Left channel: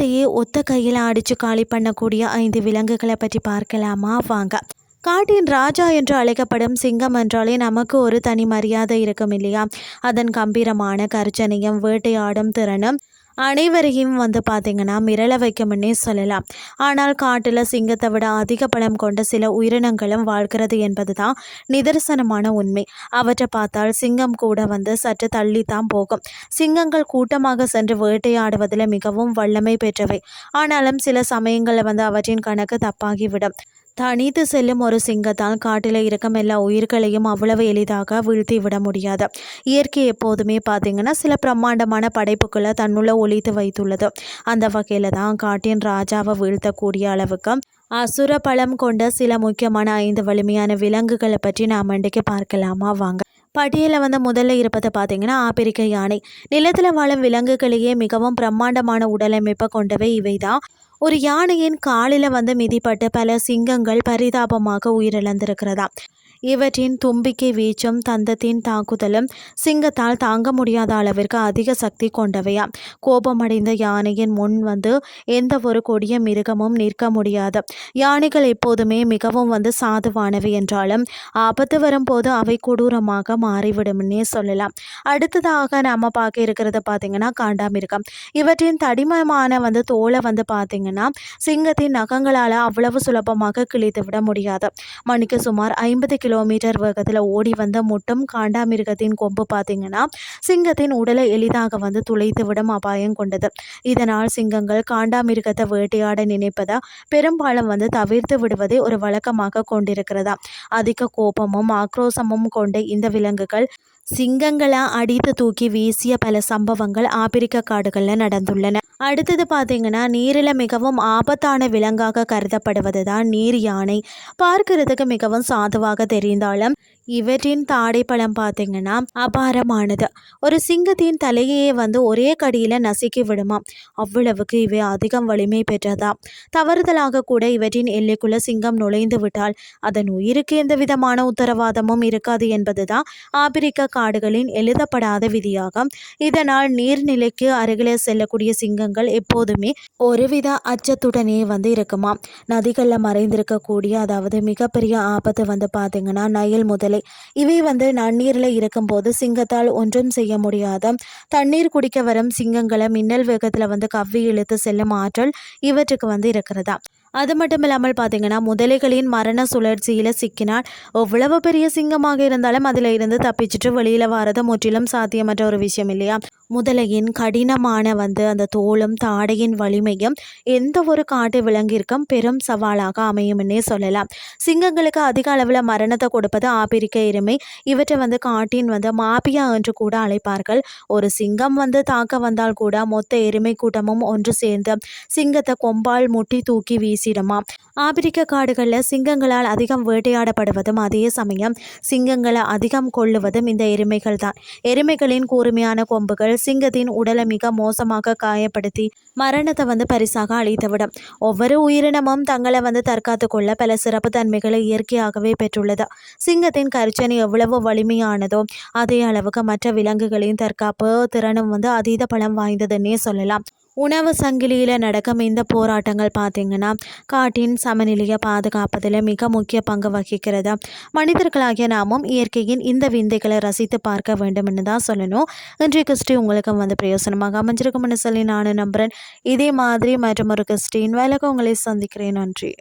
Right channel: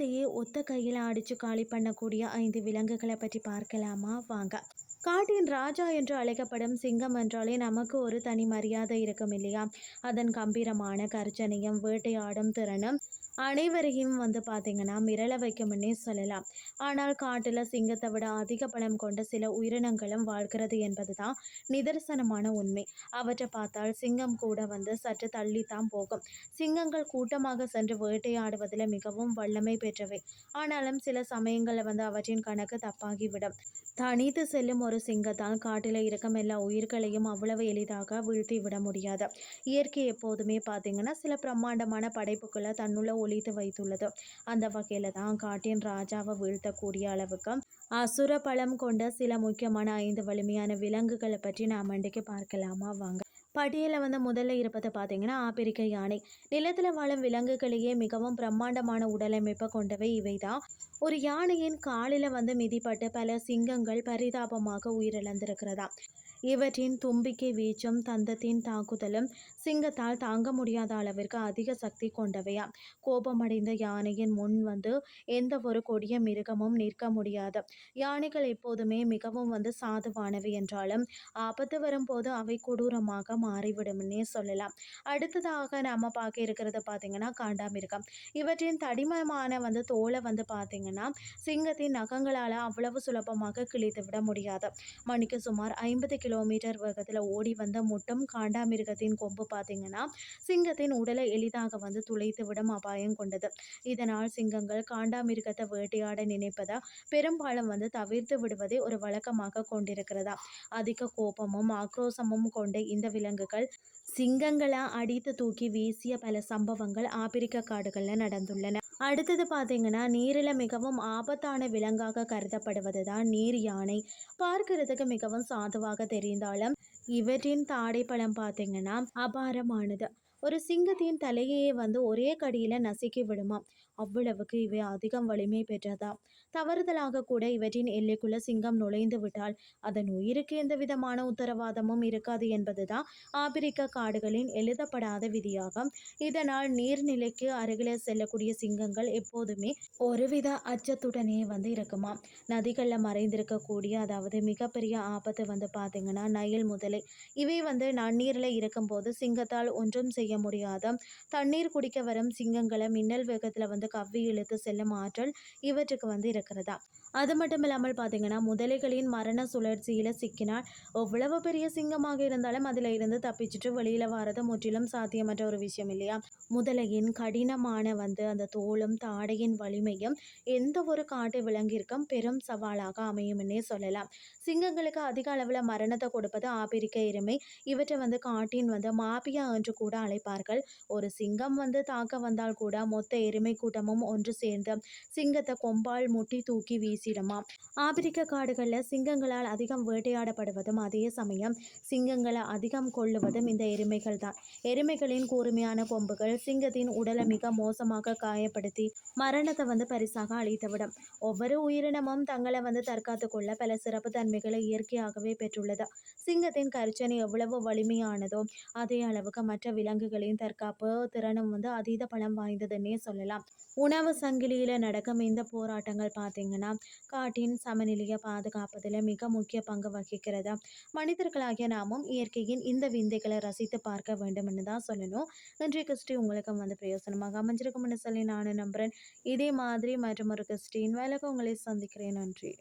காட்டையே ஒத்த கையில் அடித்து காலி பண்ணக்கூடிய 5 விலங்குகளை பற்றி பார்க்கலாமா வாங்க. காட்டின் ராஜா என்று அழைக்கப்படும் சிங்கம் என்றாலே நமக்கு ஒரு தனி மரியாதை இருக்கும் இல்லையா? அதன் கம்பீரமான கர்ஜனையும் வேட்டையாடும் திறனும் அனைவரையும் பார்த்திங்கன்னா மிரள வைக்கும்னே சொல்லலாம். ஆனால் காட்டில் சிங்கத்தை விட அதிக பலம் கொண்ட சில உயிரினங்களும் வாழ்கிறது என்பது தான் நிதர்சனமான உண்மை. அவற்றை பார்த்தால் சிங்கம் கூட சற்று தள்ளித்தான் போகும். சிங்கங்கள் கூட்டமாக சென்று வேட்டையாடுவதில் மிகவும் வல்லமை பெற்றவை. ஆனாலும் சில சமயங்களில் அவற்றின் கணக்கு தப்பாகிவிடும். தனித்து செல்லும் ஒரு சிங்கத்தால் காட்டில் இருக்கும் எல்லா உயிர்களையும் அவ்வளவு எளிதாக வீழ்த்தி விட முடியாது. இயற்கை எப்போதுமே பார்த்திங்கன்னா சில பிரம்மாண்டமான படைப்புகளை தன்னுள்ள ஒழித்து வைத்துள்ளது. அந்த வகையில் தான் காட்டின் ராஜாவை வீழ்த்தக்கூடிய அளவுக்கு அசுர பலம் கொண்ட சில முக்கியமான 5 வலிமையான விலங்குகளை பற்றி நாம் இன்றைக்கு பார்க்கலாமா வாங்க. பட்டியலில் முதல்ல இருப்பதை பார்த்தீங்கன்னா ஆப்பிரிக்க யானை. நிலத்தில் வாழும் விலங்குகளையே மிகவும் பிரம்மாண்டமான உடலமைப்பை கொண்டவை இவை தான். ஒரு யானையின் காலில் மிதிப்பட்டு பல சிங்கங்கள் பரிதாபமாக உயிரிழந்திருக்கிறதா. இவற்றின் தும்பிக்கை வீச்சும் தந்தத்தின் தாக்குதலும் சிங்கத்தால் தாங்க முடியாத அளவிற்கு அதிக சக்தி கொண்டவையா. கோபமடைந்த யானையின் முன் எந்த ஒரு கொடிய மிருகமும் நிற்க முடியாது. யானைகள் எப்போதுமே மிகவும் சாதுவானவை என்றாலும் ஆபத்து வரும்போது அவை கொடூரமாக மாறிவிடும்னே சொல்லலாம். அடுத்ததாக நாம் பார்க்க இருக்கிறத பார்த்திங்கன்னா காண்டாமிருகம். இவற்றின் தடிமமான தோலை பார்த்திங்கன்னா சிங்கத்தின் நகங்களால் அவ்வளவு சுலபமாக கிழித்து விட முடியாது. மணிக்கு சுமார் 50 கிலோமீட்டர் வேகத்தில் ஓடி முட்டும் காண்டாமிருகத்தின் கொம்பு பார்த்திங்கன்னா சிங்கத்தின் உடலை எளிதாக துளைத்து விடும் அபாயம் கொண்டது. இதனால் சிங்கங்கள் காண்டாமிருகத்தை வேட்டையாட நினைப்பதை பெரும்பாலும் தவிர்த்து விடுவதை ஒரு வழக்கமாக கொண்டிருக்கிறதா. அதிக கோபமும் ஆக்ரோசமும் கொண்ட இந்த விலங்குகள் சிங்கங்களை அடித்து தூக்கி வீசிய பல சம்பவங்கள் ஆப்பிரிக்க காடுகளில் நடந்துள்ளன. அடுத்தது பார்த்திங்கன்னா நீரில் மிகவும் ஆபத்தான விலங்காக கருதப்படுவது தான் நீர் யானை. பார்க்கிறதுக்கு மிகவும் சாதுவாக தெரிந்தாலும் இவற்றின் தாடை பழம் பார்த்திங்கன்னா அபாரமானது. ஒரு சிங்கத்தின் தலையே ஒரே கடியில் நசுக்கி விடுமா. அவ்வளவுக்கு இவை அதிகம் வலிமை பெற்றதா. தவறுதலாக கூட இவற்றின் எல்லைக்குள்ள சிங்கம் நுழைந்து விட்டால் அதன் உயிருக்கு எந்த விதமான உத்தரவாதமும் இருக்காது என்பது தான் ஆப்பிரிக்க காடுகளின் எழுதப்படாத விதியாகும். இதனால் நீர்நிலைக்கு அருகிலே செல்லக்கூடிய சிங்கங்கள் எப்போதுமே ஒருவித அச்சத்துடனே இருக்குமா. நதிகளில் மறைந்திருக்கக்கூடிய அதாவது மிகப்பெரிய ஆபத்து பார்த்திங்கன்னா நைல் முதலை. இவை நன்னீரில் இருக்கும்போது சிங்கத்தால் ஒன்றும் செய்ய முடியாத தண்ணீர் குடிக்க வரும் சிங்கங்களை மின்னல் வேகத்தில் கவ்வி இழுத்து செல்லும் ஆற்றல் இவற்றுக்கு இருக்கிறதா. அது மட்டும் இல்லாமல் பார்த்திங்கன்னா முதலைகளின் மரண சுழற்சியில் சிக்கினால் எவ்வளவு பெரிய சிங்கமாக இருந்தாலும் அதில் இருந்து தப்பிச்சுட்டு வெளியில் வரது முற்றிலும் சாத்தியமற்ற ஒரு விஷயம் இல்லையா. முதலையின் கடினமான அந்த தோலும் தாடையின் வலிமையும் எந்த ஒரு காட்டு விலங்கிற்கும் பெரும் சவாலாக அமையும்னே சொல்லலாம். சிங்கங்களுக்கு அதிக அளவில் மரணத்தை கொடுப்பது ஆப்பிரிக்க எருமை. இவற்றை காட்டின் மாபியா என்று கூட அழைப்பார்கள். ஒரு சிங்கம் தாக்க வந்தால் கூட மொத்த எருமை கூட்டமும் ஒன்று சேர்ந்து சிங்கத்தை கொம்பால் முட்டி தூக்கி வீசிடுமா. ஆப்பிரிக்க காடுகளில் சிங்கங்களால் அதிகம் வேட்டையாடப்படுவதும் அதே சமயம் சிங்கங்களை அதிகம் கொள்ளுவதும் இந்த எருமைகள் தான். எருமைகளின் கூர்மையான கொம்புகள் சிங்கத்தின் உடலை மிக மோசமாக காயப்படுத்தி மரணத்தை பரிசாக அளித்துவிடும். ஒவ்வொரு உயிரினமும் தங்களை தற்காத்து கொள்ள பல சிறப்பு தன்மைகளை இயற்கையாகவே பெற்றுள்ளது. சிங்கத்தின் கர்ஜனை எவ்வளவு வலிமையானதோ அதே அளவுக்கு மற்ற விலங்குகளின் தற்காப்பு திறனும் அதீத பலம் வாய்ந்ததுன்னே சொல்லலாம். உணவு சங்கிலியில் நடக்கும் இந்த போராட்டங்கள் பார்த்திங்கன்னா காட்டின் சமநிலையை பாதுகாப்பதில் மிக முக்கிய பங்கு வகிக்கிறது. மனிதர்களாகிய நாமும் இயற்கையின் இந்த விந்தைகளை ரசித்து பார்க்க வேண்டும்னு தான் சொல்லணும். இன்றைய கிறிஸ்டி உங்களுக்கு பிரயோசனமாக அமைஞ்சிருக்கும்னு சொல்லி நான் நம்புகிறேன். இதே மாதிரி மற்றும் ஒரு கிறிஸ்டின் வேலைக்கு உங்களை சந்திக்கிறேன். நன்றி.